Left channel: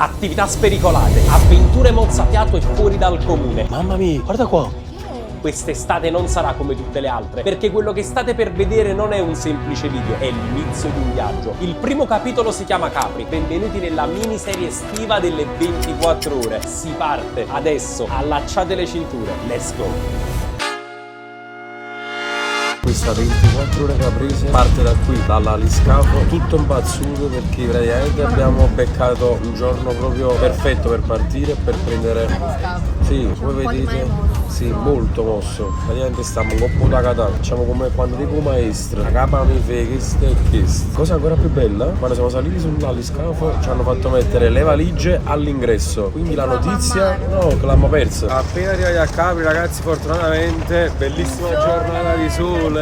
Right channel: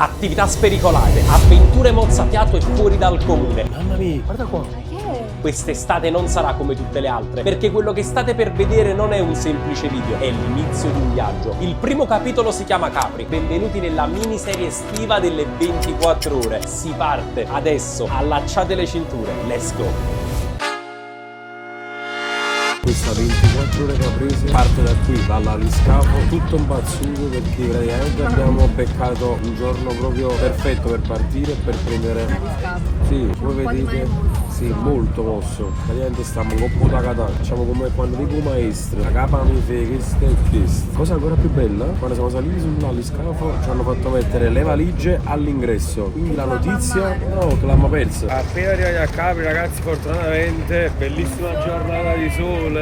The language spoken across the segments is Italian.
Attività spericolate, avventure mozzafiato e fuori dal comune. Mamma mia, guarda qua. Quest'estate non sarà come tutte le altre, perché quello che state per vedere non è un semplice video, è l'inizio di un viaggio. Il primo capitolo si chiama Capri. Benvenuti nella miniserie estiva delle 24 ore. Si parte adesso, allacciate le cinture, let's go! Questa 24 ore caprese parte da qui, dall'aliscafo, tutto impazzuto perché praticamente abbiamo beccato un giorno proprio perfetto per partire e per prendere. Sì, voi vedete, sì, molto mosso. Praticamente stiamo un po' da catà. Facciamo come quando dico maestro, la capa mi fa questo e questo. Cosa ancora più bella? Quando siamo saliti sull'aliscafo ci hanno fatto mettere le valigie all'ingresso. Quindi la notizia, no, che l'abbiamo persa. Appena arrivati a Capri, ragazzi, fortunatamente, bellissima giornata di sole.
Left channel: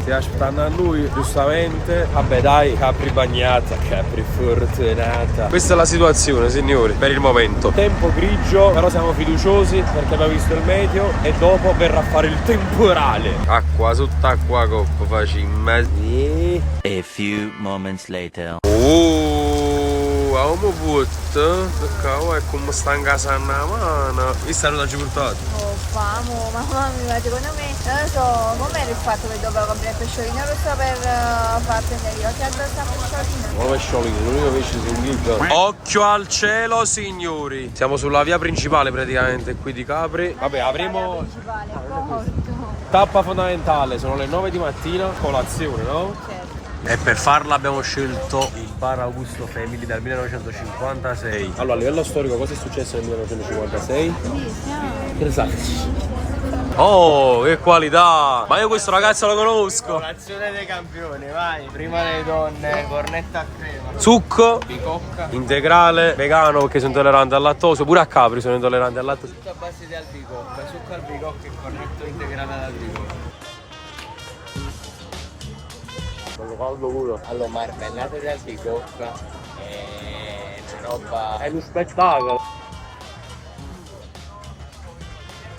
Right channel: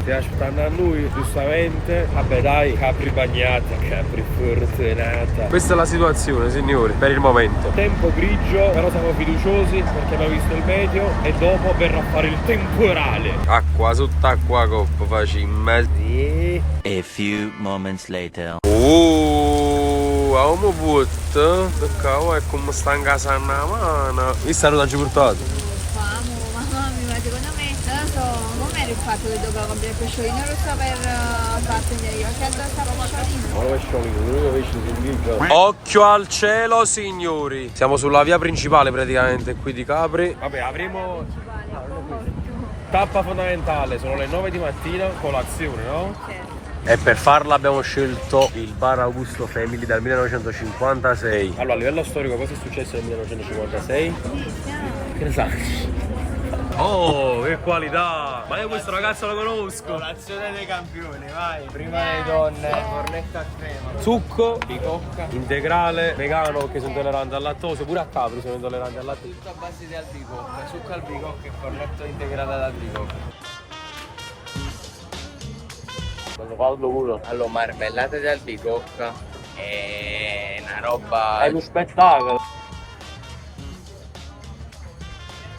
Stiamo aspettando a lui, giustamente. Vabbè dai, Capri bagnata, Capri fortunata. Questa è la situazione, signori, per il momento. Tempo grigio, però siamo fiduciosi perché abbiamo visto il meteo e dopo verrà a fare il temporale. Acqua sott'acqua coppa, facciamo. A few moments later. Avevamo putto, perché è come sta in casa a mano. Visto che non ci portato? Famo, mamma mia, secondo me, non lo so, com'era il fatto che dovevo comprare il pesciolino rosso per far prendere io? Che addosso a pesciolino? Oh, pesciolino, l'unico pesce sul ghigio. Occhio al cielo, signori! Siamo sulla via principale praticamente qui di Capri. Vabbè, avremo tappa fondamentale, sono le 9 di mattina, colazione, no? Certo. E per farla abbiamo scelto il bar Augusto Family dal 1956. Allora, a livello storico cosa è successo nel 1956? Che ne sai? Oh, che qualità! Ma io questo ragazzo lo conosco! Colazione dei campioni, vai! Prima le donne, cornetta a crema, Zucco, bicocca, integrale, vegano perché sono intollerante al lattosio, pure a Capri sono intollerante al lattosio. tutto a base di albicocca, succo albicocca e cornetto integrale ad albicocca. Bello caldo pure. Allora, marmellata di albicocca è una roba... È uno spettacolo!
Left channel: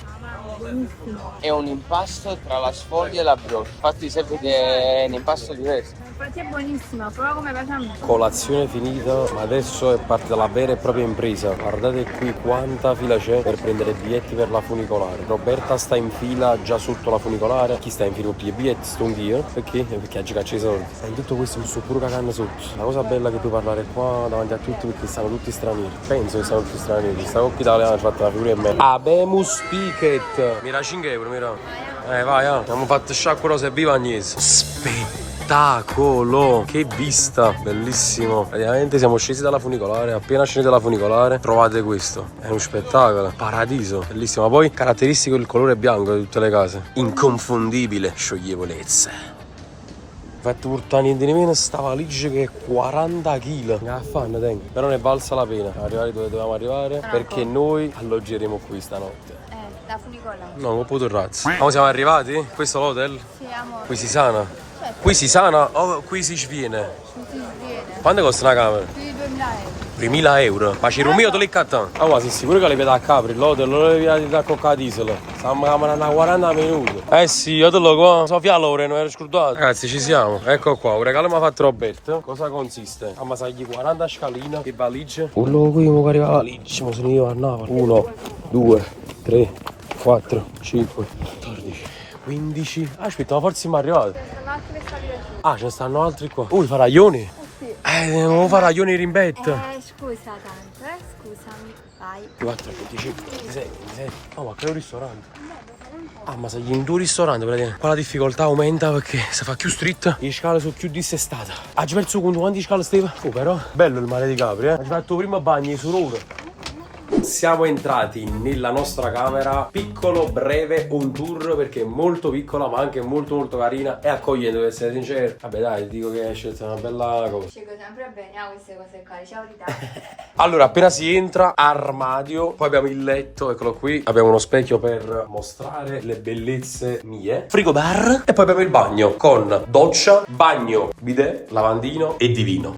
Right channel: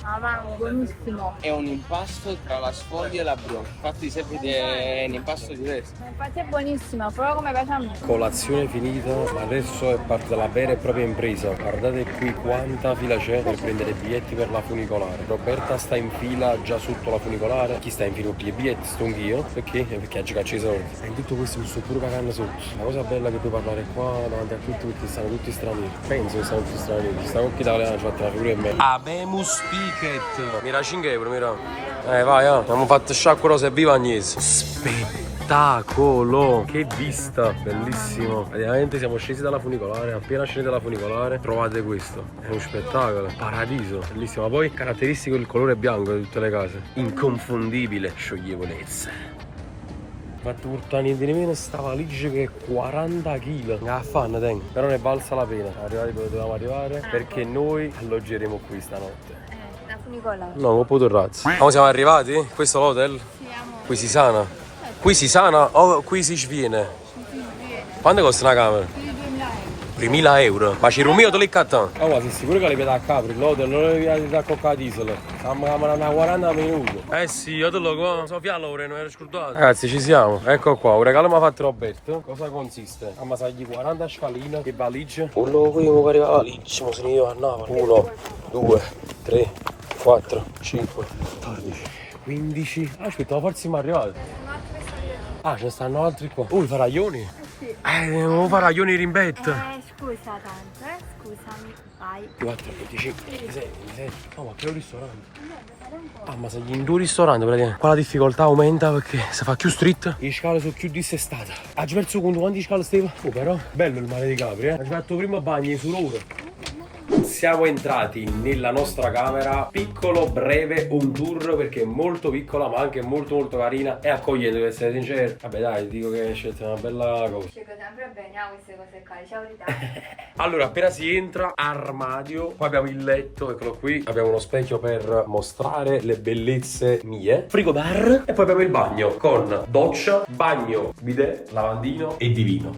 Mamma, buonissimo. È un impasto tra la sfoglia e la brioche. Infatti se vede è un impasto diverso. Infatti è buonissima, proprio come piace a me. Colazione finita, ma adesso è parte la vera e propria impresa. Guardate qui quanta fila c'è per prendere biglietti per la funicolare. Roberta sta in fila già sotto la funicolare. Chi sta in fila per i biglietti? Sto io. Perché? Perché ha giocato i soldi. E in tutto questo mi sto pure cagando sotto. La cosa bella è che puoi parlare qua davanti a tutti perché stanno tutti stranieri. Penso che stanno tutti stranieri. Sta con chi italiano ha fatto la figura in me. Abemus Picket. Mira 5 euro, mira. Vai, abbiamo fatto sciacquo rosa e viva Agnese. Spettacolo! Che vista! Bellissimo! Praticamente siamo scesi dalla funicolare. Appena scesi dalla funicolare, trovate questo. È uno spettacolo. Paradiso. Bellissimo. Ma poi caratteristico il colore bianco di tutte le case. Inconfondibile. Scioglievolezza. Infatti portare niente di meno sta valigia che è 40 kg. Che affanno tengo. Però ne è valsa la pena arrivare dove dovevamo arrivare. Perché noi alloggeremo qui stanotte. La funicola. No, non potuto razzi. Ma siamo arrivati? Questo è l'hotel? Sì, amore. Qui si sana? Qui si sana o qui si sviene? Quanto costa una camera? Più di 2000 euro. 2000 euro. Ma ci rumio te li cattano? Ah, ma sei sicuro che le vedo a Capri? L'hotel non le vedo da coccatisola. Stiamo camminando a 40 minuti. Eh sì, io te lo qua. Sofia Lore, non ero scordato. Ragazzi, ci siamo. Ecco qua, un regalo mi ha fatto Roberto. Cosa consiste? Ammassagli 40 scaline. Che valigie? Quello qui io per le valigie. Ma sono io a Napoli. 1, 2, 3, 4, 5, 14, 15. Aspetta, ma forse siamo arrivati. Ah, ce ne stanno altri qua. Faraglioni? Sì. Non faraglioni rimbetto. Scusa tanto, scusami, vai. 4, 25, 26, 27. Oh, ma che è un ristorante? Ah, ma sei in due ristoranti praticamente. Qua la difficoltà aumenta perché si fa più street. Le scale sono più dissestate. Hai perso conto quanti scale stava? Oh, però bello il mare di Capri, Hai fatto prima bagni su rover. Siamo entrati nella nostra camera, piccolo, breve, un tour perché è molto piccola ma anche molto molto carina e accogliente, devo essere sincero. Vabbè dai, dico che hai scelto una bella cosa. Scelgo sempre bene a queste cose qua, ciao verità. Allora, appena si entra, armadio, poi abbiamo il letto, eccolo qui, abbiamo uno specchio per mostrare le bellezze mie, frigo bar e poi abbiamo il bagno con doccia, bagno, bidet, lavandino e divino.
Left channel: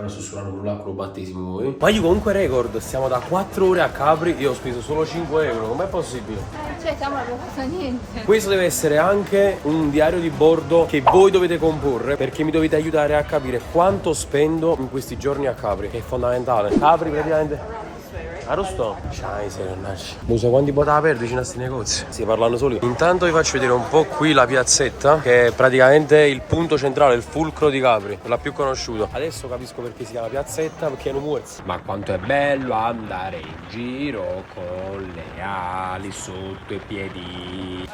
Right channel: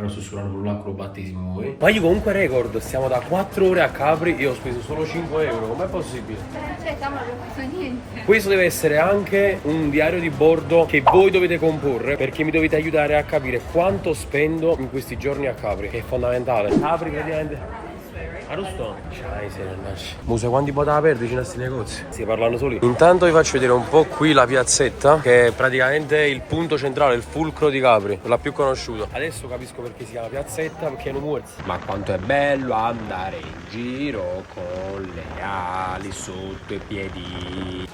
Però sussurrano pure l'acqua battesimo voi. Ma io comunque record, stiamo da 4 ore a Capri e ho speso solo 5 euro, com'è possibile? Cioè, stiamo non fatto niente. Questo deve essere anche un diario di bordo che voi dovete comporre, perché mi dovete aiutare a capire quanto spendo in questi giorni a Capri, che è fondamentale. Capri praticamente... Arrosto? Musa, quanti poteva perdere vicino a questi negozi? Si parlano soli. Intanto vi faccio vedere un po' qui la piazzetta, che è praticamente il punto centrale, il fulcro di Capri, la più conosciuta. Adesso capisco perché si chiama piazzetta, perché non muore. Ma quanto è bello andare in giro con le ali sotto i piedi.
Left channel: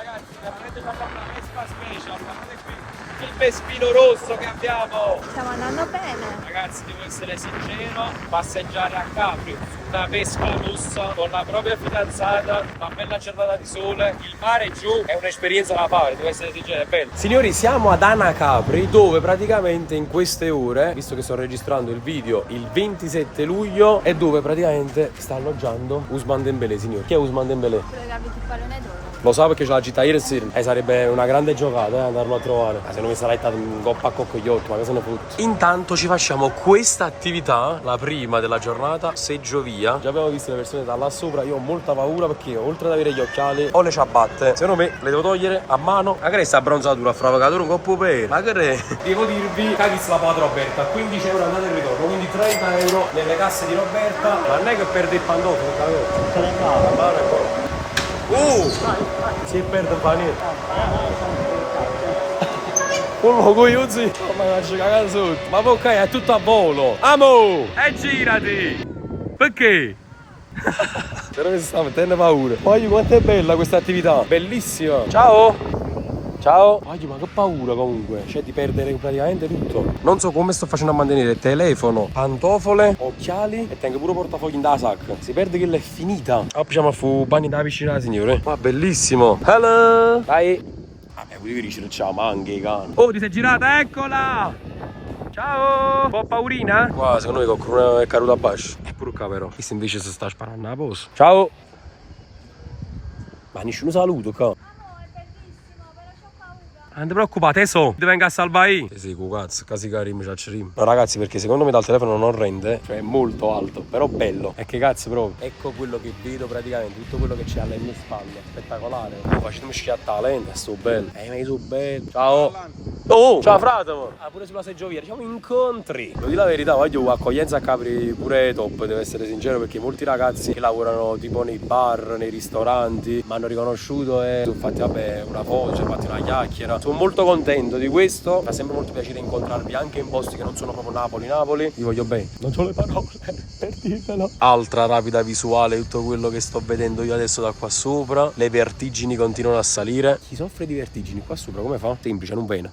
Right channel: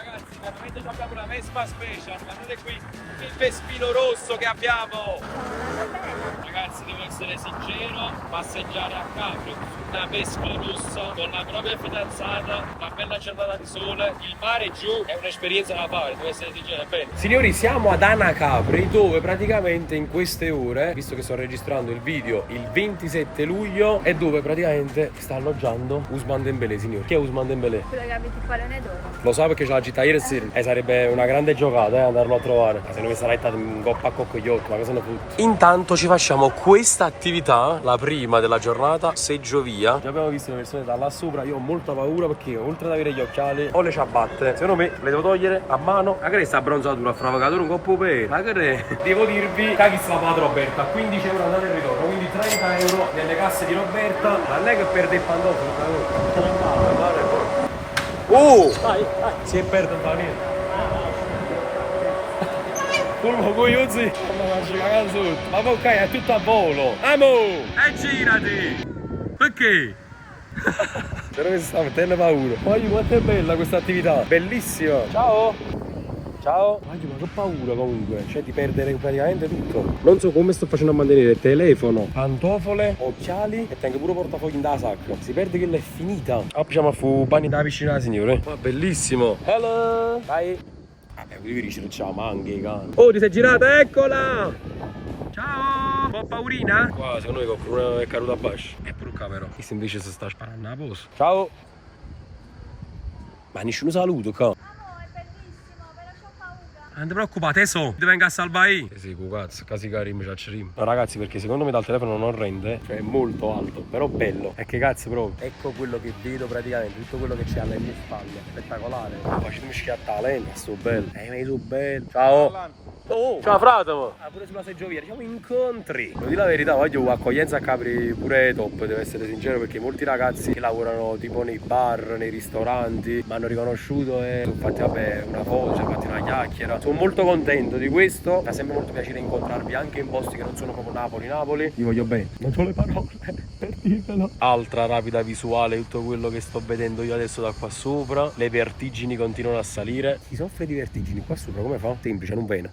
Una Vespa Special, guardate qui il Vespino rosso che abbiamo. Stiamo andando bene. Ragazzi, devo essere sincero, passeggiare a Capri su una Vespa rossa con la propria fidanzata, una bella giornata di sole, il mare giù, è un'esperienza da fare, devo essere sincero, è bello. Signori, siamo ad Anacapri, dove praticamente in queste ore, visto che sto registrando il video il 27 luglio, è dove praticamente sta alloggiando Ousmane Dembélé, signori. Chi è Ousmane Dembélé? Quello che abiti il pallone d'oro. Lo so perché ce l'ha città ieri sera. Sarebbe una grande giocata andarlo a trovare. Ma se non mi sarà stato un coppa a coccogliotto, ma cosa ne fotti? Intanto ci facciamo questa attività, la prima della giornata, seggiovia. Già abbiamo visto le persone da là sopra, io ho molta paura perché oltre ad avere gli occhiali ho le ciabatte. Secondo me le devo togliere a mano. Ma che è sta abbronzatura, fravocatura un coppo per? Ma che è? Devo dirvi, caghi la padre Roberta, 15 euro andate e ritorno, quindi 30 euro nelle casse di Roberta. Ma non è che perde il pantofolo, la mano è buona. Si perde un po' niente. Quello cogliozzi. Ma faccio cagare sotto. Ma ok, è tutto a volo. Amo! E girati! Perché? Però mi sta mettendo paura. Poi quanto è bella questa attività. Bellissima. Ciao! Ciao! Ma che paura comunque. Cioè di perdere praticamente tutto. Non so come sto facendo a mantenere telefono, pantofole, occhiali e tengo pure portafogli in da sacca. Si perde che l'è finita. Facciamo a fu bagni da piscina, signore. Ma bellissimo. Hello! Dai! Vabbè, qui dici ciao, ma anche cane. Oh, ti sei girata, eccola! Ciao! Un po' paurina? Qua, secondo me qualcuno è caduto a basso. È pure qua però. Questo invece si sta sparando a posto. Ciao! Ma nessuno saluto qua. Non ti preoccupate, teso, ti venga a salvare io. Sì, cazzo, casi carim, ciaccerim. No ragazzi, perché secondo me dal telefono non rende, cioè è molto alto, però bello. E che cazzo proprio. Ecco quello che vedo praticamente, tutto quello che c'è alle mie spalle. Spettacolare. Facciamo schiattare la lente, sto bello. Ma io sono bello. Ciao. Oh, ciao frate. Pure sulla seggiovia, diciamo incontri. Lo dico la verità, voglio accoglienza a Capri pure top, devo essere sincero, perché molti ragazzi che lavorano tipo nei bar, nei ristoranti, mi hanno riconosciuto e sono fatti vabbè una foto, ci hanno fatto una chiacchiera. Sono molto contento di questo, fa sempre molto piacere incontrarvi anche in posti che non sono proprio Napoli. Vi voglio bene, non sono le parole per dirvelo. Altra rapida visuale, tutto quello che sto vedendo io adesso da qua sopra. Le vertigini continuano a salire. Chi soffre di vertigini qua sopra come fa? Semplice, non bene.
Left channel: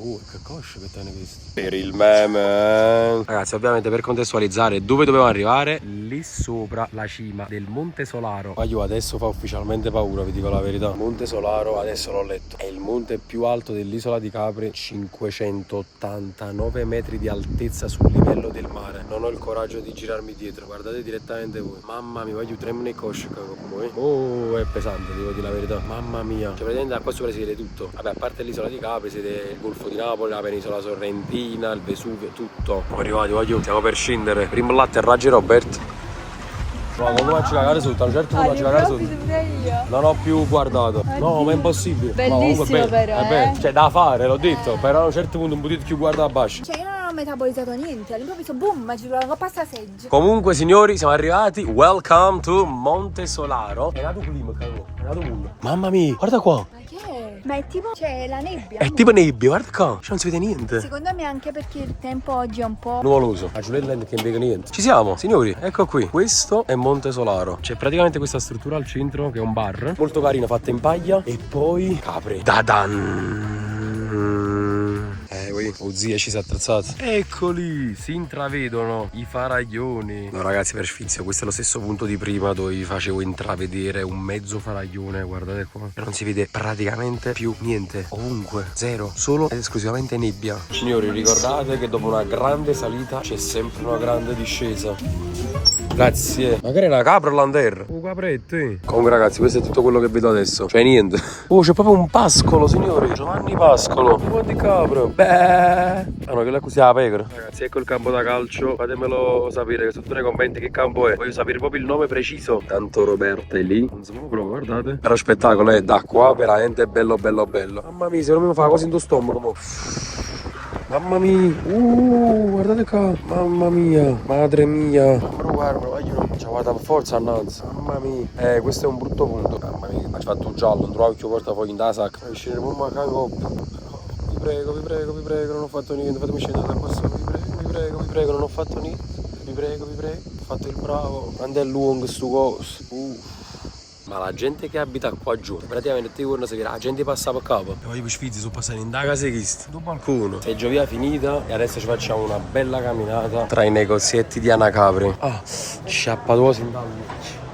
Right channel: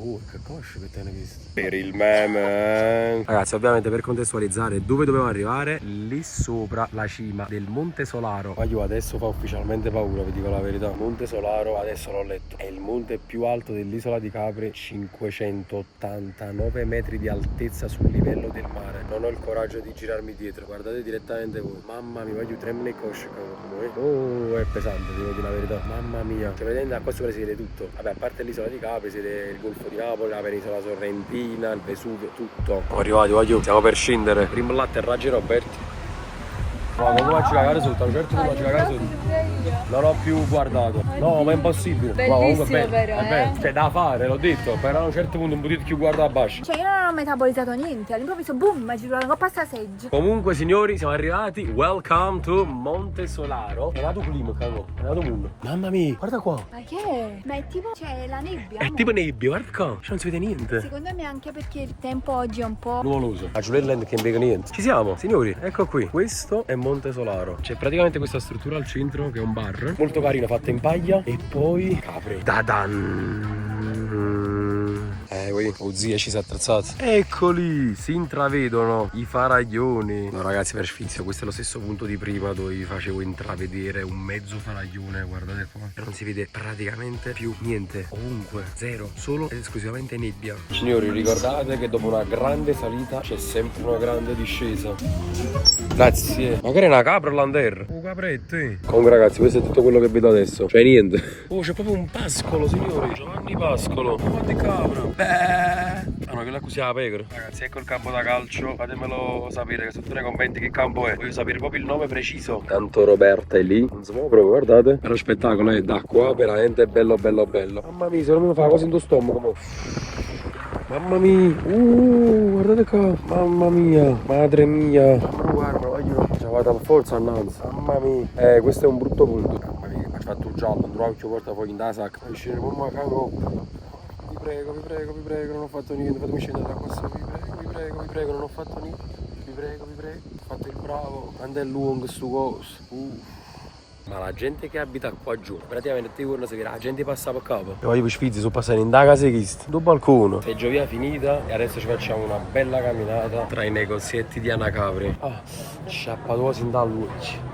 Oh, che coscia che te ne visto. Per il meme. Ragazzi, ovviamente per contestualizzare dove dovevamo arrivare, lì sopra la cima del Monte Solaro. Ma io adesso fa ufficialmente paura, vi dico la verità. Monte Solaro, adesso l'ho letto, è il monte più alto dell'isola di Capri, 589 metri di altezza sul livello del mare. Non ho il coraggio di girarmi dietro, guardate direttamente voi. Mamma mia, voglio tremare cosce come. Oh, è pesante, devo dire la verità. Mamma mia. Cioè, praticamente da qua sopra si vede tutto. Vabbè, a parte l'isola di Capri, si vede il golfo di Napoli, la penisola sorrentina, il Vesuvio, tutto. Siamo arrivati, voglio. Stiamo per scendere. Primo l'atterraggio Robert. Ma come faccio cagare sotto? A un certo punto faccio cagare sotto. Non ho più guardato. No, ma è impossibile. Bellissimo ma però, cioè da fare, l'ho detto. Però a un certo punto un po' più guarda a basso. Cioè io non ho metabolizzato niente, all'improvviso boom, ci trovo coppa sta seggio. Comunque signori, siamo arrivati. Welcome to Monte Solaro. È nato clima, cago. È nato mondo. Mamma mia, guarda qua. Ma che è? Ma è tipo, c'è la nebbia. È tipo nebbia, guarda qua. Cioè non si vede niente. Secondo me anche perché il tempo oggi è un po'... Nuvoloso. A Giulielland che non vede niente. Ci siamo, signori, ecco qui. Questo è Monte Solaro. C'è praticamente questa struttura al centro che è un bar. Molto carina, fatta in paglia. E poi Capri. Dadan. Oh zia, ci si è attrezzato. Eccoli, si intravedono i faraglioni. No ragazzi, per sfizio, questo è lo stesso punto di prima dove vi facevo intravedere un mezzo faraglione. Guardate qua, non si vede praticamente più niente. Ovunque, zero, solo ed esclusivamente nebbia. Signori, ricordate che dopo una grande salita c'è sempre una grande discesa. Grazie. Magari è una capra l'Ander. Oh capretti. Comunque ragazzi, questo è tutto quello che vedo adesso. Cioè niente. Oh, c'è proprio un pascolo, signori. Giovanni Pascolo. Un po' di capro. Beh. Ah no, quella così la pecora. Ragazzi, ecco il campo da calcio. Fatemelo sapere che sotto nei commenti che campo è. Voglio sapere proprio il nome preciso. Tanto Roberta è lì. Non si muove proprio, guardate. Però spettacolo, da qua veramente bello bello bello. Mamma mia, se non mi fa così in tuo stomaco. Mamma mia. Guardate qua. Mamma mia. Madre mia. Guarda, aiuto. Ci vado al forza annanzi. Mamma mia. Questo è un brutto punto. Mamma mia, ho fatto un giallo, non trovo più portafoglio in da sacca. Scendere, mamma cago. Vi prego, non ho fatto niente, fatemi scendere da qua sopra, vi prego, non ho fatto niente, vi prego, ho fatto il bravo, quando è lungo sto coso, Ma la gente che abita qua giù, praticamente ti guarda se la gente passa per capo. E poi i sfizi sono passati in da casa di questo, sul balcone. Seggiovia finita e adesso ci facciamo una bella camminata tra i negozietti di Anacapri. Sciappatosi in dal luce.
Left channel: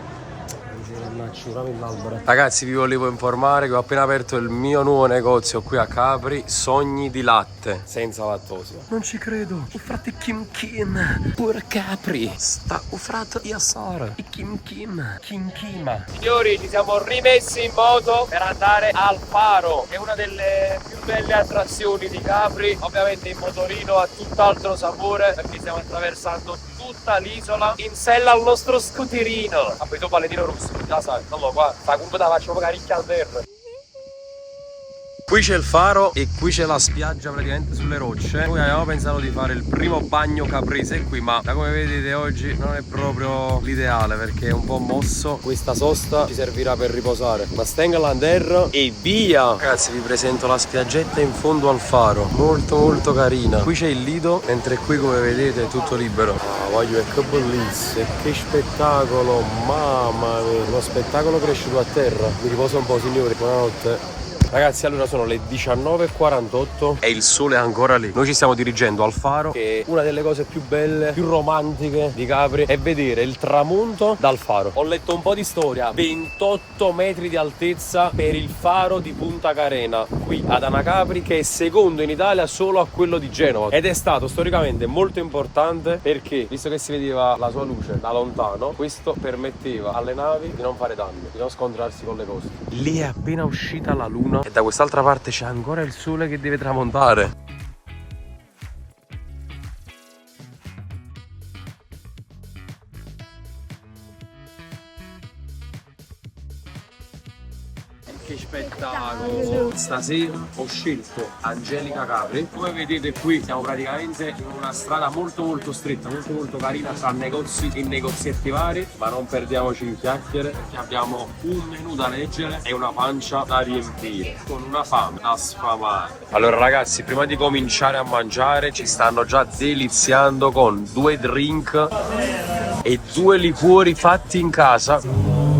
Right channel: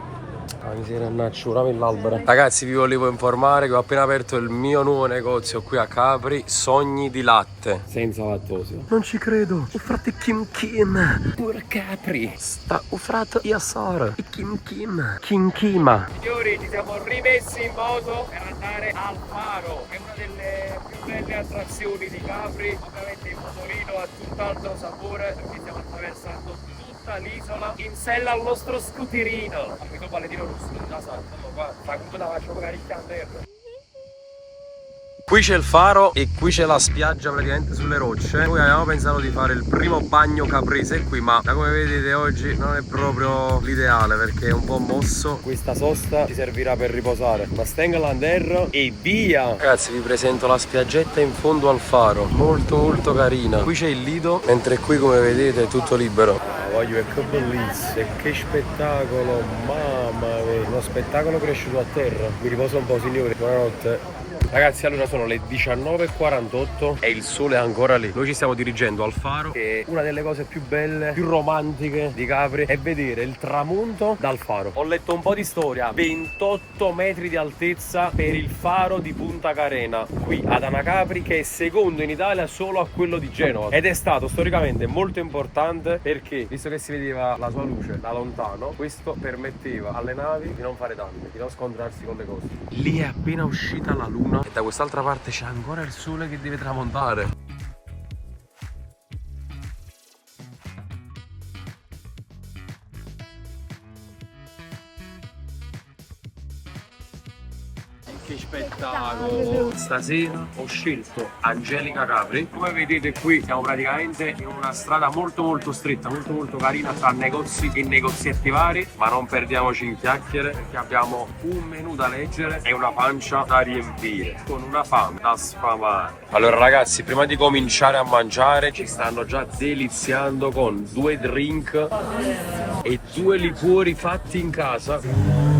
Ragazzi, vi volevo informare che ho appena aperto il mio nuovo negozio qui a Capri, Sogni di latte senza lattosi. Non ci credo. Il frate Kim pure Capri sta il frate Yasar e Kim Kima. Signori, ci siamo rimessi in moto per andare al faro, che è una delle più belle attrazioni di Capri. Ovviamente il motorino ha tutt'altro sapore perché stiamo attraversando tutta l'isola in sella al nostro scooterino. Vabbè, tu paletino rosso, già sai, non lo qua, sta come la faccio magari il calderno. Qui c'è il faro e qui c'è la spiaggia praticamente sulle rocce. Noi avevamo pensato di fare il primo bagno caprese qui, ma da come vedete oggi non è proprio l'ideale perché è un po' mosso. Questa sosta ci servirà per riposare. Ma stenga l'anderro e via! Ragazzi, vi presento la spiaggetta in fondo al faro, molto molto carina. Qui c'è il lido, mentre qui come vedete è tutto libero. Voglio, che bellissimo, e che spettacolo, mamma mia, uno spettacolo cresciuto a terra. Mi riposo un po', signori, buonanotte. Ragazzi, allora sono le 19:48 e il sole è ancora lì. Noi ci stiamo dirigendo al faro, che una delle cose più belle, più romantiche di Capri è vedere il tramonto dal faro. Ho letto un po' di storia, 28 metri di altezza per il faro di Punta Carena, qui ad Anacapri, che è secondo in Italia solo a quello di Genova. Ed è stato storicamente molto importante perché, visto che si vedeva la sua luce da lontano, questo permetteva alle navi di non fare danni, di non scontrarsi con le cose. Lì è appena uscita la luna e da quest'altra parte c'è ancora il sole che deve tramontare. Che spettacolo! Stasera ho scelto Angelica Capri. Come vedete qui siamo praticamente in una strada molto stretta, molto carina, tra negozi e negozietti vari, ma non perdiamoci in chiacchiere perché abbiamo un menù da leggere e una pancia da riempire, con una fame da sfamare. Allora ragazzi, prima di cominciare a mangiare ci stanno già deliziando con 2 drink e 2 liquori fatti in casa.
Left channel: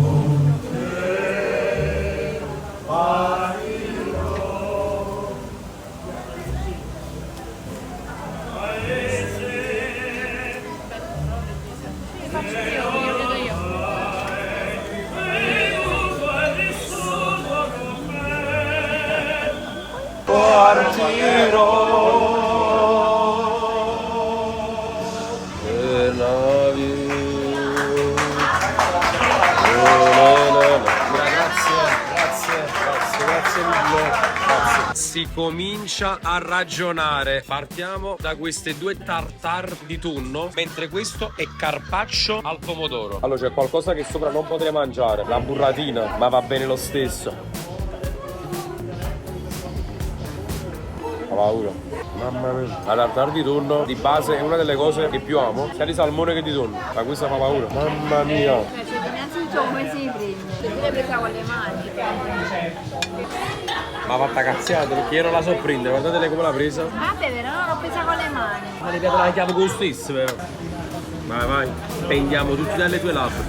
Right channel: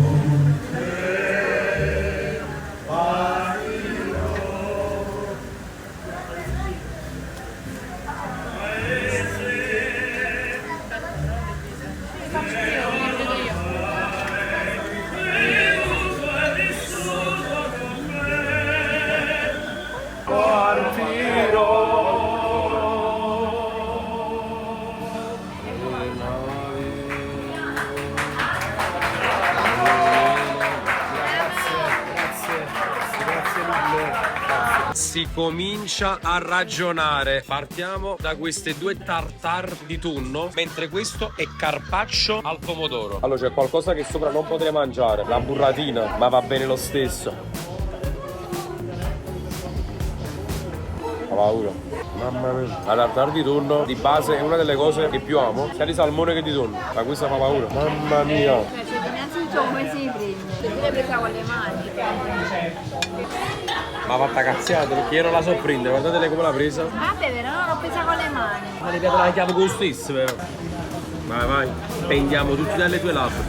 Si comincia a ragionare. Partiamo da queste 2 tartar di tonno, mentre questo è carpaccio al pomodoro. Allora c'è qualcosa che sopra non potrei mangiare, la burratina, ma va bene lo stesso. Ho paura. Mamma mia. La tartar di tonno di base è una delle cose che più amo, sia di salmone che di tonno, ma questa fa paura. Mamma mia. Innanzitutto come si prende? Se tu l'hai presa con le mani. Ma fatta cazziata perché io non la so prendere, guardatele come l'ha presa. Vabbè, però non l'ho presa con le mani. Ma le piato la chiave con lo stesso però. Vai, pendiamo tutti dalle tue labbra.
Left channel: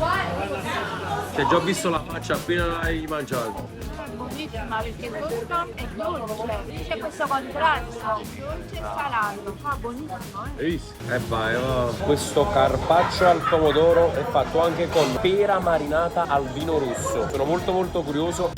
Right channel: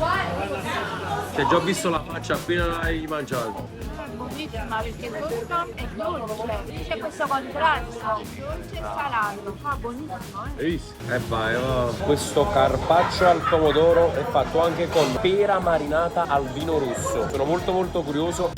Che già ho visto la faccia appena l'hai mangiato. È buonissima perché questo è dolce. C'è questo contrasto, dolce e salato. Fa buonissimo, Hai visto? E vai, oh. Questo carpaccio al pomodoro è fatto anche con pera marinata al vino rosso. Sono molto curioso.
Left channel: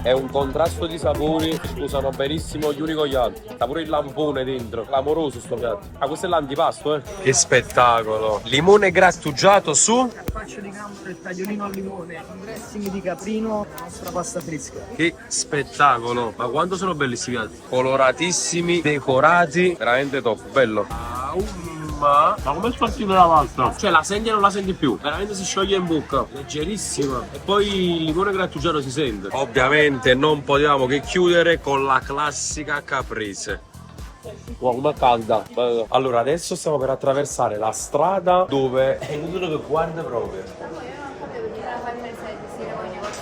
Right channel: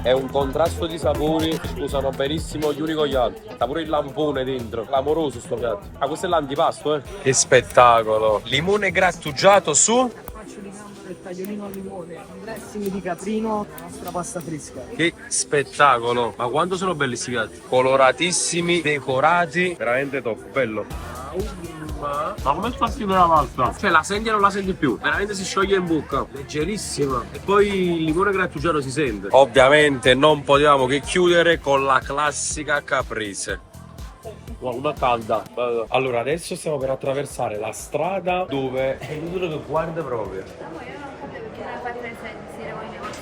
È un contrasto di sapori, scusano benissimo gli uni con gli altri. Sta pure il lampone dentro, clamoroso sto piatto. Ah, questo è l'antipasto, Che spettacolo! Limone grattugiato su carpaccio di gambero, il tagliolino al limone, un dressing di caprino, la nostra pasta fresca. Che spettacolo! Ma quanto sono belli sti piatti? Coloratissimi, decorati, veramente top, bello. Ma come spacchi della pasta? Cioè la senti e non la senti più, veramente si scioglie in bocca, leggerissima. E poi il limone grattugiato si sente. Ovviamente non potevamo che chiudere con la classica caprese. Wow, una calda. Allora adesso stiamo per attraversare la strada dove è inutile che guarda proprio. Amore, io non sapevo che era fatta sentire con i negozi.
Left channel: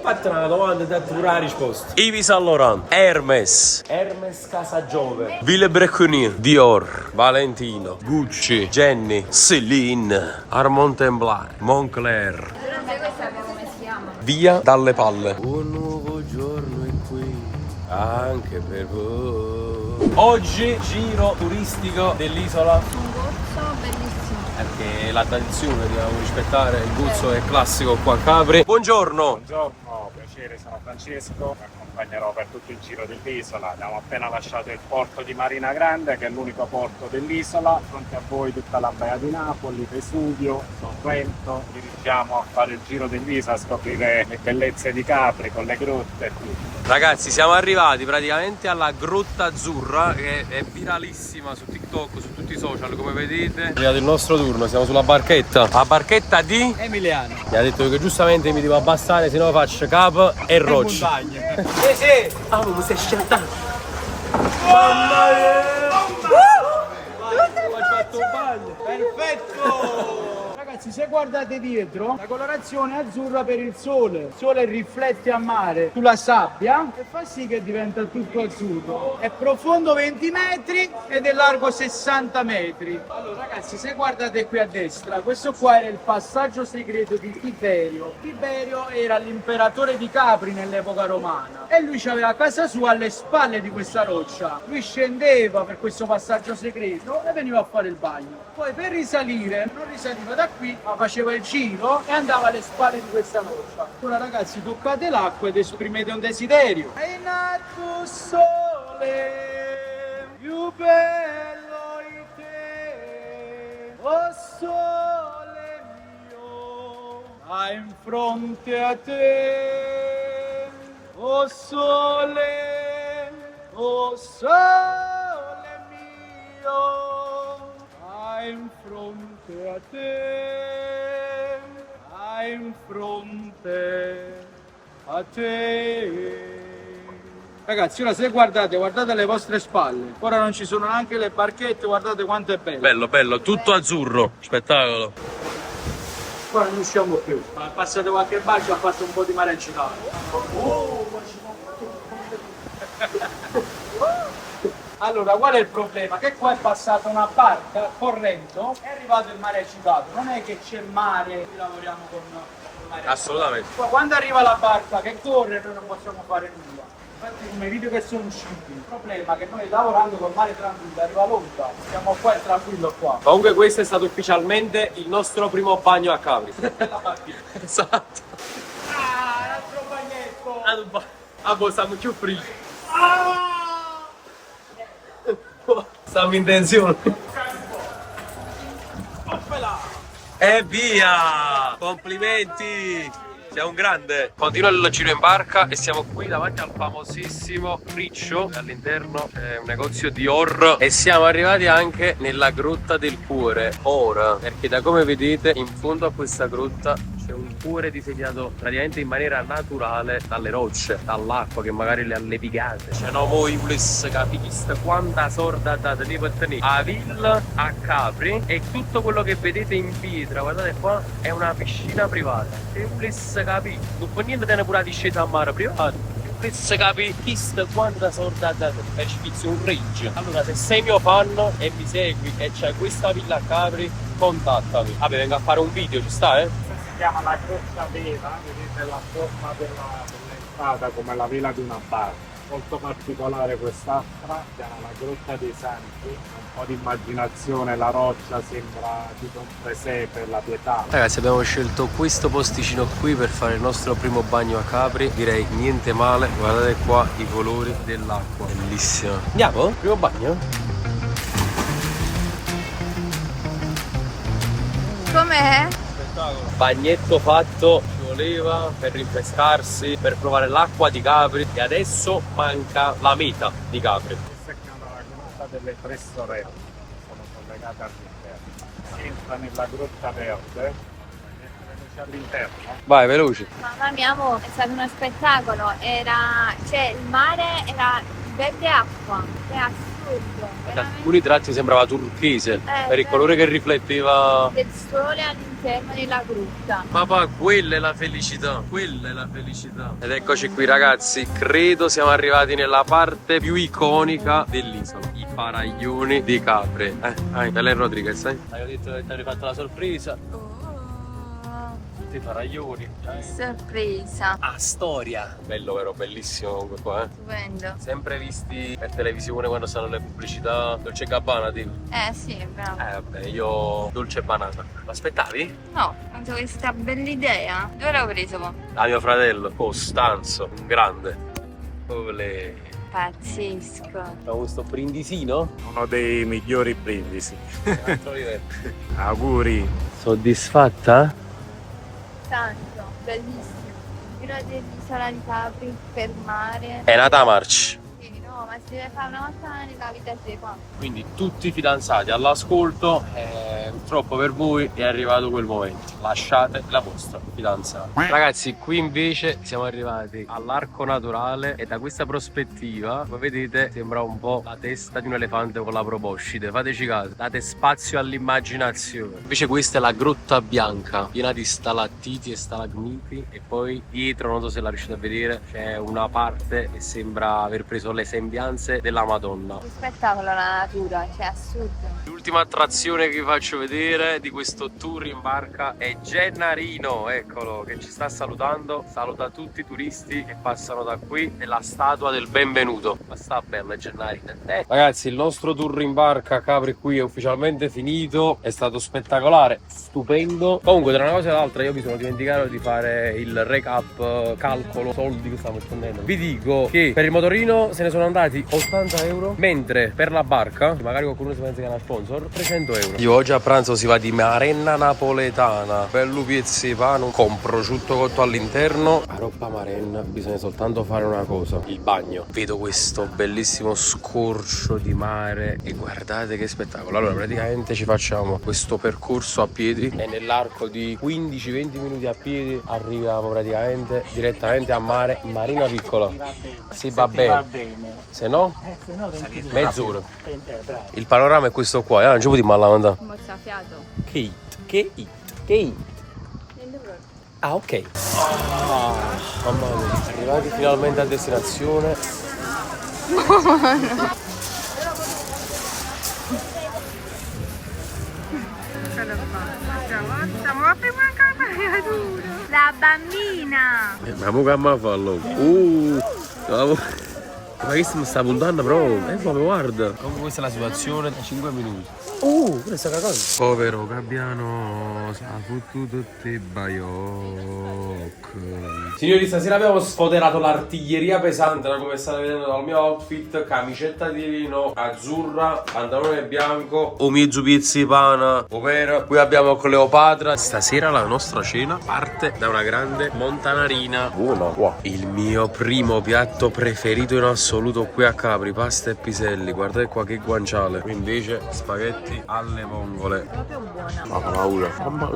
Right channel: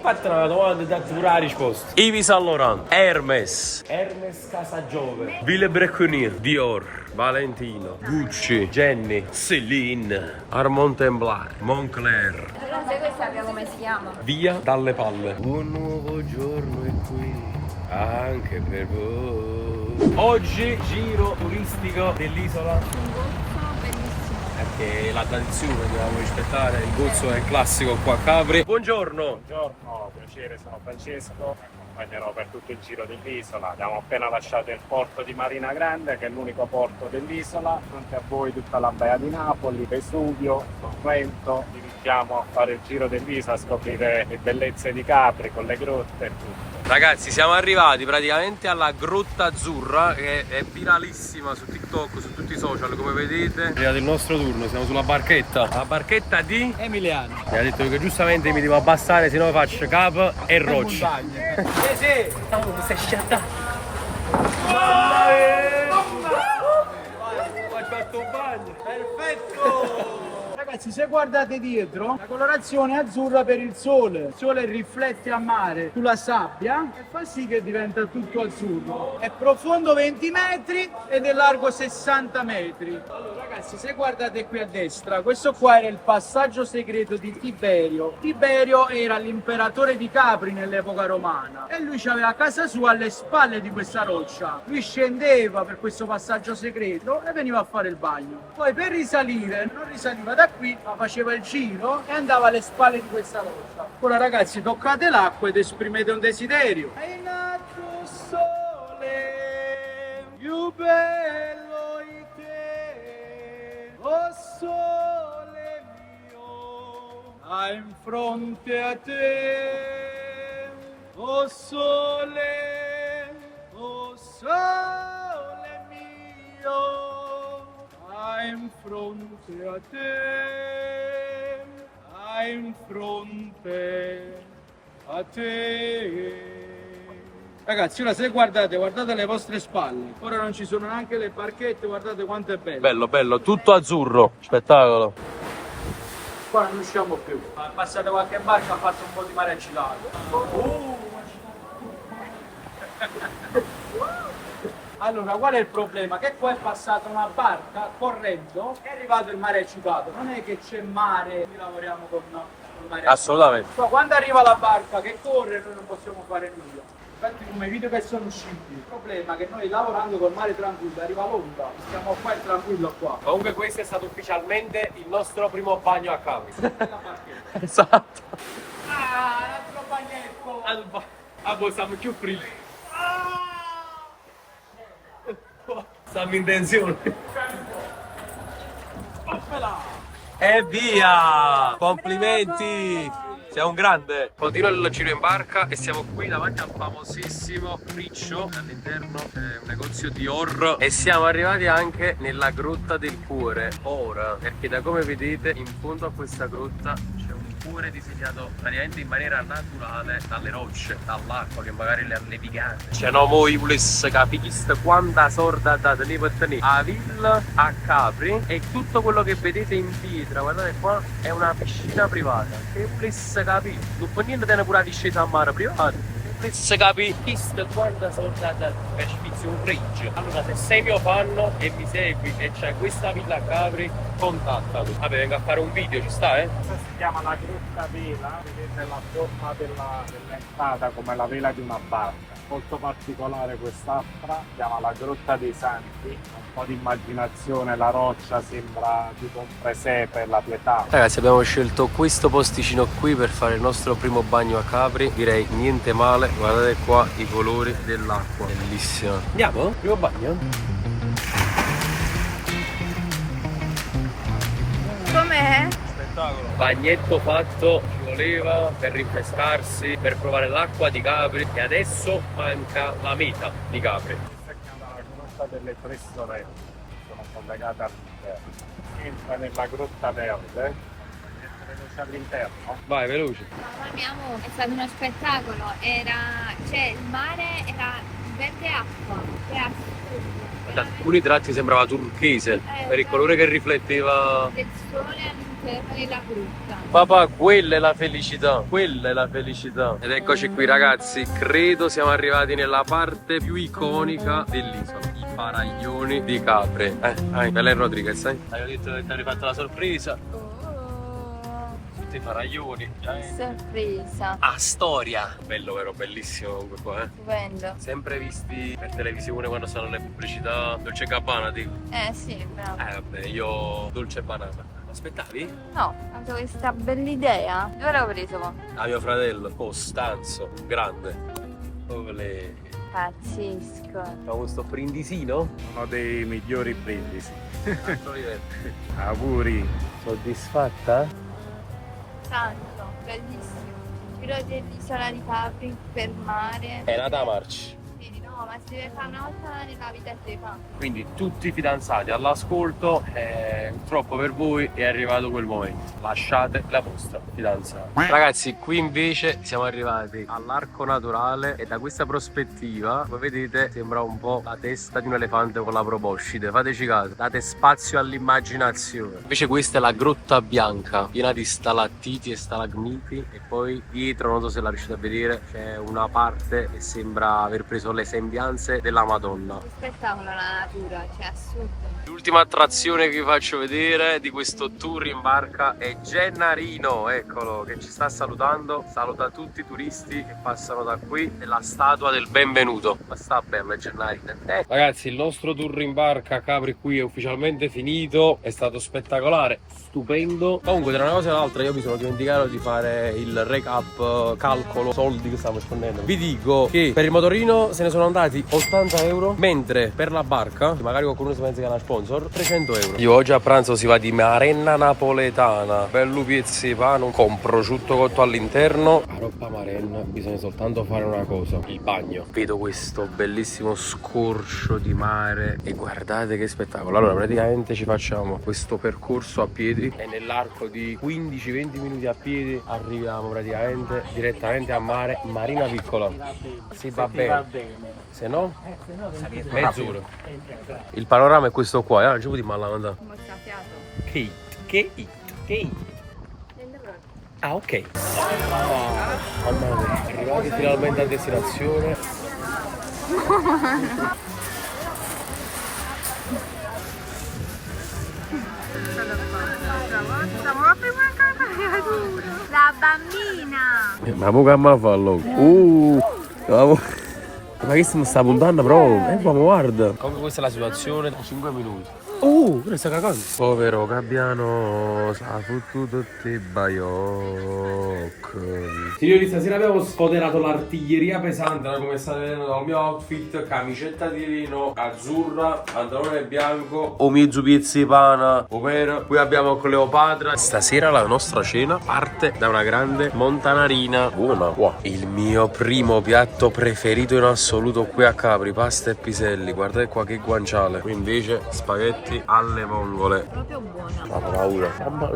Fatti una domanda e date pure la risposta. Yves Saint Laurent, Hermes, Hermes Casa Giove, Ville Brecconnier, Dior, Valentino, Gucci, Jenny, Celine, Armand Templar, Moncler. Però non sai questa come si chiama? Via dalle palle. un nuovo giorno è qui, anche per voi. Oggi giro turistico dell'isola. Un gozzo bellissimo. Perché la tradizione dobbiamo rispettare, il gozzo è classico qua a Capri. Buongiorno! Buongiorno, piacere, sono Francesco, vi accompagnerò per tutto il giro dell'isola. Abbiamo appena lasciato il porto di Marina Grande, che è l'unico porto dell'isola. Fronte a voi tutta la Baia di Napoli, Vesuvio, Sorrento. Dirigiamo a fare il giro dell'isola, a scoprire le bellezze di Capri con le grotte e tutto. Ragazzi, siamo arrivati praticamente alla Grotta Azzurra, che è viralissima su TikTok, su tutti i social, come vedete. È arrivato il nostro turno, siamo sulla barchetta. La barchetta di Emiliano. mi ha detto che giustamente mi devo abbassare, se no faccio capo e roccia. Sì. Ah, ma stai schiantando. Mamma mia! Ho fatto un bagno. Perfetto! Ragazzi, se guardate dietro, la colorazione è azzurra per il sole. Il sole riflette a mare sulla sabbia e fa sì che diventa tutto azzurro. È profondo 20 metri ed è largo 60 metri. Allora ragazzi, se guardate qui a destra, questo qua era il passaggio segreto di Tiberio. Tiberio era l'imperatore di Capri nell'epoca romana e lui aveva casa sua alle spalle di questa roccia. Lui scendeva per questo passaggio segreto e veniva a fare il bagno. Poi per risalire, non risaliva da qui, ma faceva il giro e andava alle spalle di questa roccia. Ora ragazzi, toccate l'acqua ed esprimete un desiderio. È nato sole, più bello di te, oh sole mio, là in fronte a te, oh sole mio, là in fronte a te, là in fronte a te. Ragazzi, ora se guardate alle vostre spalle, ora non ci sono neanche le barchette, guardate quanto è bello. Bello, bello, tutto azzurro, spettacolo. Ora non usciamo più. Passate qualche barca, ha fatto un po' di mare agitato. Allora, qual è il problema? Che qua è passata una barca correndo, è arrivato il mare agitato. Non è che c'è mare, noi lavoriamo con il mare agitato. Assolutamente. Poi quando arriva la barca che corre, noi non possiamo fare nulla. Infatti come i video che sono usciti, il problema è che noi lavorando col mare tranquillo arriva l'onda, siamo qua e tranquillo qua. Comunque questo è stato ufficialmente il nostro primo bagno a Capri. Esatto. Ah, l'altro bagnetto! Ah, boh, stiamo più frilli. Stiamo in tensione. E via! Complimenti! Sei un grande! Continua il giro in barca e siamo qui davanti al famosissimo Riccio. All'interno c'è un negozio di Dior e siamo arrivati anche nella Grotta del Cuore. Ora, perché da come vedete in fondo a questa grotta c'è un cuore disegnato praticamente in maniera naturale dalle rocce, dall'acqua che magari le ha levigate. Cioè no, voi volesse capire quanta sorda date ne per tenere a villa a Capri e tutto quello che vedete in pietra, guardate qua, è una piscina privata. Se volesse capire, non può niente tenere pure la discesa a mare privata. Se capi quanta sorda date è spizio un fridge. Allora se sei mio fan e mi segui e c'hai questa villa a Capri, contattami. Vabbè, vengo a fare un video, ci sta, eh? Questa si chiama la grotta vela, vedete la forma dell'entrata come la vela di una barca. Molto particolare quest'altra, si chiama la Grotta dei Santi, un po' di immaginazione, la roccia sembra tipo un presepe, la pietà. Ragazzi, abbiamo scelto questo posticino qui per fare il nostro primo bagno a Capri. Direi niente male, guardate qua i colori dell'acqua, bellissima. Andiamo? Primo bagno? Com'è? Spettacolo. spettacolo. Bagnetto fatto, ci voleva per rinfrescarsi, per provare l'acqua di Capri e adesso manca la meta di Capri. Questa è chiamata la grotta delle tre sorelle, sono collegate all'interno. Si entra nella grotta verde e veloce all'interno. Vai, veloce. Mamma mia, amore, è stato uno spettacolo. Cioè, il mare era verde acqua, è assurdo. Da alcuni tratti sembrava turchese per il colore che rifletteva. Del sole all'interno della grotta. Papà, quella è la felicità, quella è la felicità. Ed eccoci qui ragazzi, credo siamo arrivati nella parte più iconica dell'isola, i faraglioni di Capri. Belen Rodriguez, Avevo detto che ti avrei fatto la sorpresa. Tutti i faraglioni. Sorpresa. A storia. Bello vero, bellissimo comunque qua, Stupendo. Sempre visti per televisione quando stanno le pubblicità. Dolce e Gabbana, dico. Sì, bravo. Vabbè, io dolce e banana. Lo aspettavi? No, ho avuto questa bella idea. Dove l'ho preso? Da mio fratello, Costanzo, un grande. Olè. Pazzesco. Abbiamo questo brindisino. Uno dei migliori brindisi. Altro livello. Auguri. Soddisfatta? Tanto, bellissimo. Giro dell'isola di Capri per mare. È nata a March. Sì, no, ma si deve fare una volta nella vita si fa. Quindi tutti i fidanzati all'ascolto, purtroppo per voi è arrivato quel momento. Lasciate la vostra fidanzata. Ragazzi, qui invece siamo arrivati all'arco naturale e da questa prospettiva, come vedete, sembra un po' la testa di un elefante con la proboscide. Fateci caso, date spazio all'immaginazione. Invece questa è la grotta bianca, piena di stalattiti e stalagmiti, e poi dietro, non so se la riuscite a vedere, c'è una parte che sembra aver preso le sembianze della Madonna. Che spettacolo la natura, cioè assurdo. L'ultima attrazione che vi faccio vedere di questo tour in barca è Gennarino, eccolo, che ci sta salutando. Saluta tutti i turisti che passano da qui, nella statua del benvenuto. Ma sta bello Gennarino. Ragazzi, il nostro tour in barca a Capri qui è ufficialmente finito. È stato spettacolare, stupendo. Comunque, tra una cosa e l'altra, io mi sono dimenticato di fare il recap, calcolo, soldi che stiamo spendendo. Vi dico che per il motorino se ne sono andati 80 euro, mentre per la barca, magari qualcuno si pensa che è una sponsor, 300 euro. Io oggi a pranzo si va di marenna napoletana, bello piezzi pano con prosciutto cotto all'interno. A roba marenna bisogna soltanto fare una cosa, il bagno. Vedo questo bellissimo scorcio di mare e guardate che spettacolo. Allora praticamente ci facciamo questo percorso a piedi e nell'arco di 15-20 minuti a piedi arriviamo praticamente direttamente a mare, marina piccola. Si va bene. Se no, mezz'ora. Il panorama è questo qua, non ci puoi dire male andare. Che it. Ah, ok. Mamma mia, arrivati finalmente a destinazione. La bambina. Ma mo che mi fallo? Ma che stiamo sta puntando proprio? Ma guarda. Comunque questa è la situazione da 5 minuti. Questa è cosa. Povero Gabbiano, sa fottuto te baiocco. Signori, stasera abbiamo sfoderato l'artiglieria pesante, come state vedendo dal mio outfit. Camicetta di lino azzurra, pantalone bianco, omizzu pizzi pana, ovvero qui abbiamo Cleopatra. Stasera la nostra cena parte da una grande montanarina. Buona. Wow. Il mio primo piatto preferito in assoluto qui a Capri, pasta e piselli. Guardate qua che guanciale. Qui invece spaghetti alle vongole. Proprio buona. Ma fa paura.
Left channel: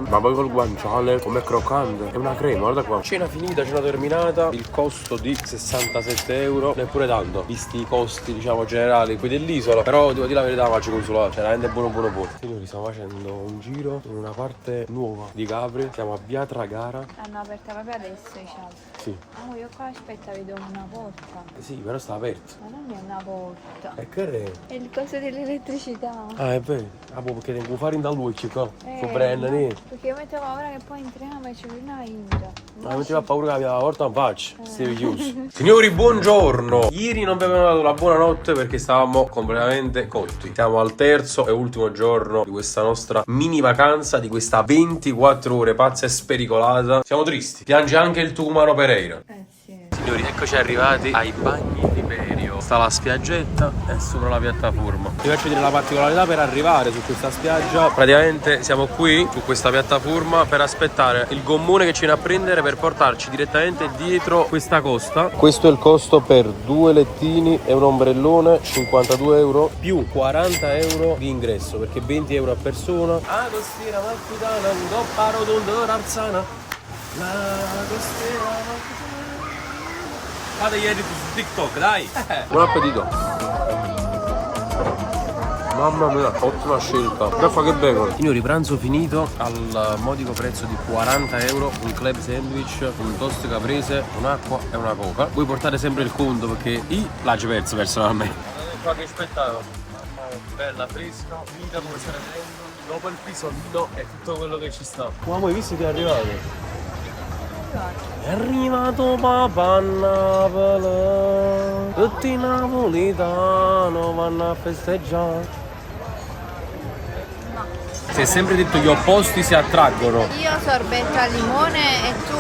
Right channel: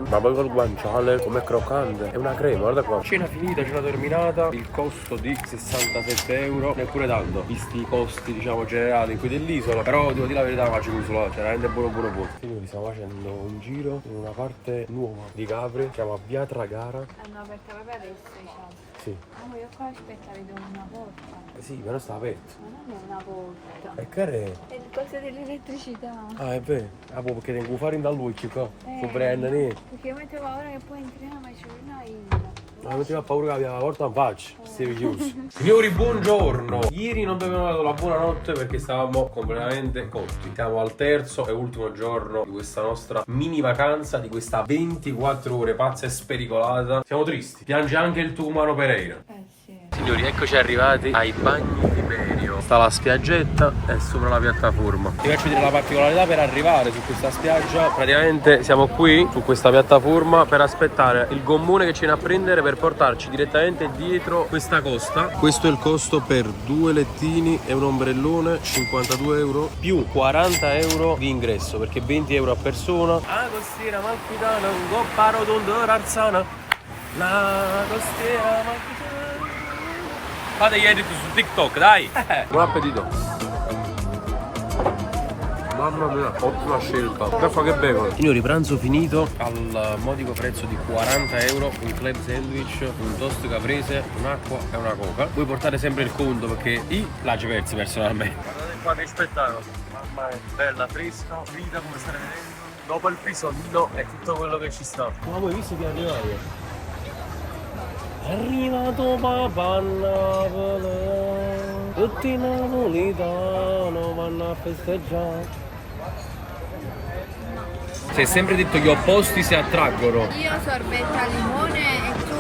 Ma poi col guanciale com'è croccante. È una crema, guarda qua. Cena finita, cena terminata. Il costo di 67 euro. Neppure tanto, visti i costi diciamo generali qui dell'isola. Però devo dire la verità, faccio consolato. C'è veramente buono. Signori, stiamo facendo un giro in una parte nuova di Capri. Siamo a Via Tragara. Hanno aperta proprio adesso, diciamo. Sì. Ah, io qua aspetta, vedo una porta. Sì, però sta aperto. Ma non è una porta. E che è? È il coso dell'elettricità. Ah, è vero. Ah, perché tengo fare in da luce qua. Su Brenna, ne. Perché io mettevo paura che poi entriamo e c'è una ira. Ma metteva paura che la porta in faccia. Stevi chiuso. Signori, buongiorno. Ieri non vi abbiamo dato la buonanotte perché stavamo completamente cotti. Siamo al terzo e ultimo giorno di questa nostra mini vacanza, di questa 24 ore pazza e spericolata. Siamo tristi. Piange anche il Tucumano Pereira. Sì. Signori, eccoci arrivati ai bagni di Perio. Sta la spiaggetta e sopra la piattaforma. Ti faccio vedere la particolarità per arrivare su questa spiaggia. Praticamente siamo qui su questa piattaforma per aspettare il gommone che ci viene a prendere per portarci direttamente dietro questa costa. Questo è il costo per 2 lettini e un ombrellone, 52 euro più 40 euro di ingresso, perché 20 euro a persona. Ah, costiera amalfitana, un gopparo d'Arzana. La costiera amalfitana. Fate gli edit su TikTok, dai! Buon appetito! Mamma mia, ottima scelta. Guarda che bacon. Signori, pranzo finito al modico prezzo di 40 euro. Un club sandwich, un toast caprese, un'acqua e una coca. Vuoi portare sempre il conto perché la ci perso personalmente. Guardate qua che spettacolo. Mamma è bella, fresca, vita come state vedendo. Dopo il pisolino è tutto quello che ci sta. Ma voi visto che è arrivato? È arrivato papà a Napoli. Tutti i napolitano vanno a festeggiare. Si è sempre detto gli opposti si attraggono. Io sorbetta al limone e tu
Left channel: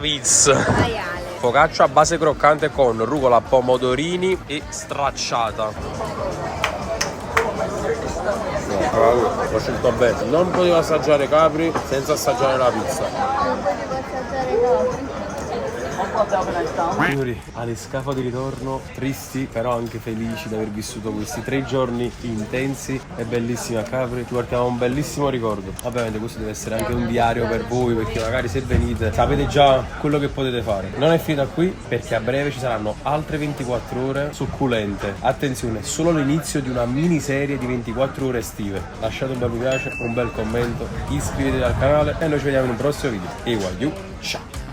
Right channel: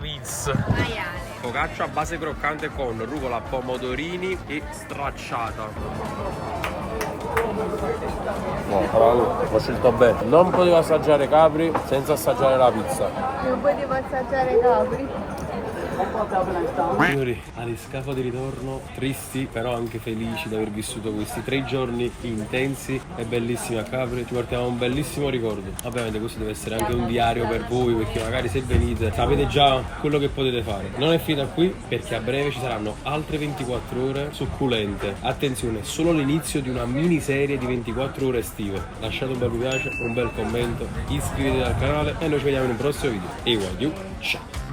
Pizza. maiale. Focaccia a base croccante con rucola, pomodorini e stracciata. No, ho scelto bene. Non potevo assaggiare capri senza assaggiare la pizza. Non potevo assaggiare i capri. Signori, alle scafo di ritorno, tristi però anche felici di aver vissuto questi 3 giorni intensi e bellissimi a Capri. Ci portiamo un bellissimo ricordo. Ovviamente questo deve essere anche un diario per voi, perché magari se venite sapete già quello che potete fare. Non è finita qui, perché a breve ci saranno altre 24 ore succulente. Attenzione, solo l'inizio di una miniserie di 24 ore estive. Lasciate un bel mi piace, un bel commento, iscrivetevi al canale e noi ci vediamo in un prossimo video. E ciao!